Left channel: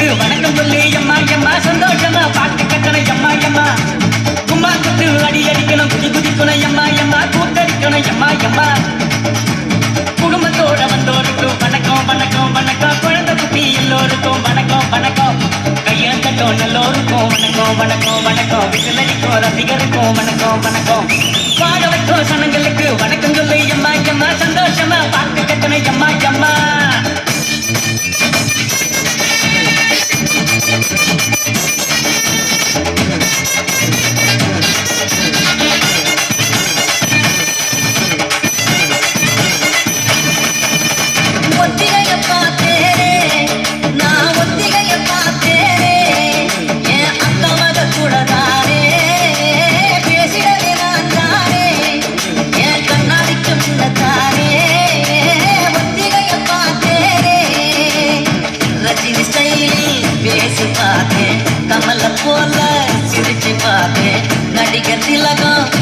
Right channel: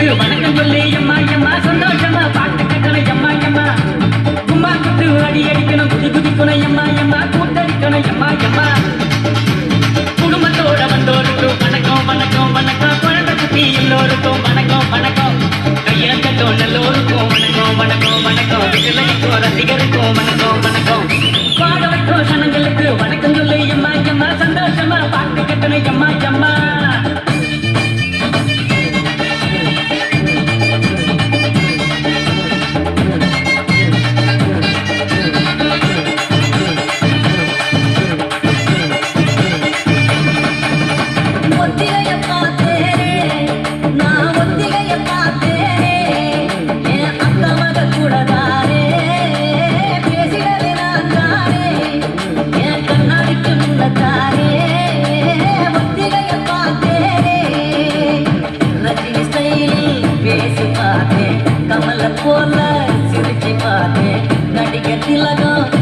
சனங்களுக்கு வணக்கம் சொல்லி எம்மா எம்மா சந்தோஷமா பாட்டு கட்டணம் எம்மா எம்மா கும்மா குத்து அடி அடிக்கணும் குதி குதிக்கணும் எம்மா எம்மா கூத்தடிக்கணும் எம்மா எம்மா குடும்பத்தோட வந்தோருக்கும் வணக்கம் வணக்கம் வணக்கம் குழந்தை குட்டி எல்லோருக்கும் வணக்கம் வணக்கம் கையெழுத்தட்டும் நல்லோருக்கும் வணக்கம் வணக்கம் வணக்கம் விசிலடிக்கும் ரசிகருக்கும் வணக்கம் வணக்கம் பாட வைக்கும் சனங்களுக்கு வணக்கம் சொல்லி எம்மா எம்மா சந்தோஷமா பாட்டு கட்டணம் எம்மா எம்மா பேசி பார்த்தேன் கமல போல சிரிச்சு பார்த்தேன் நடிகர் திலகம்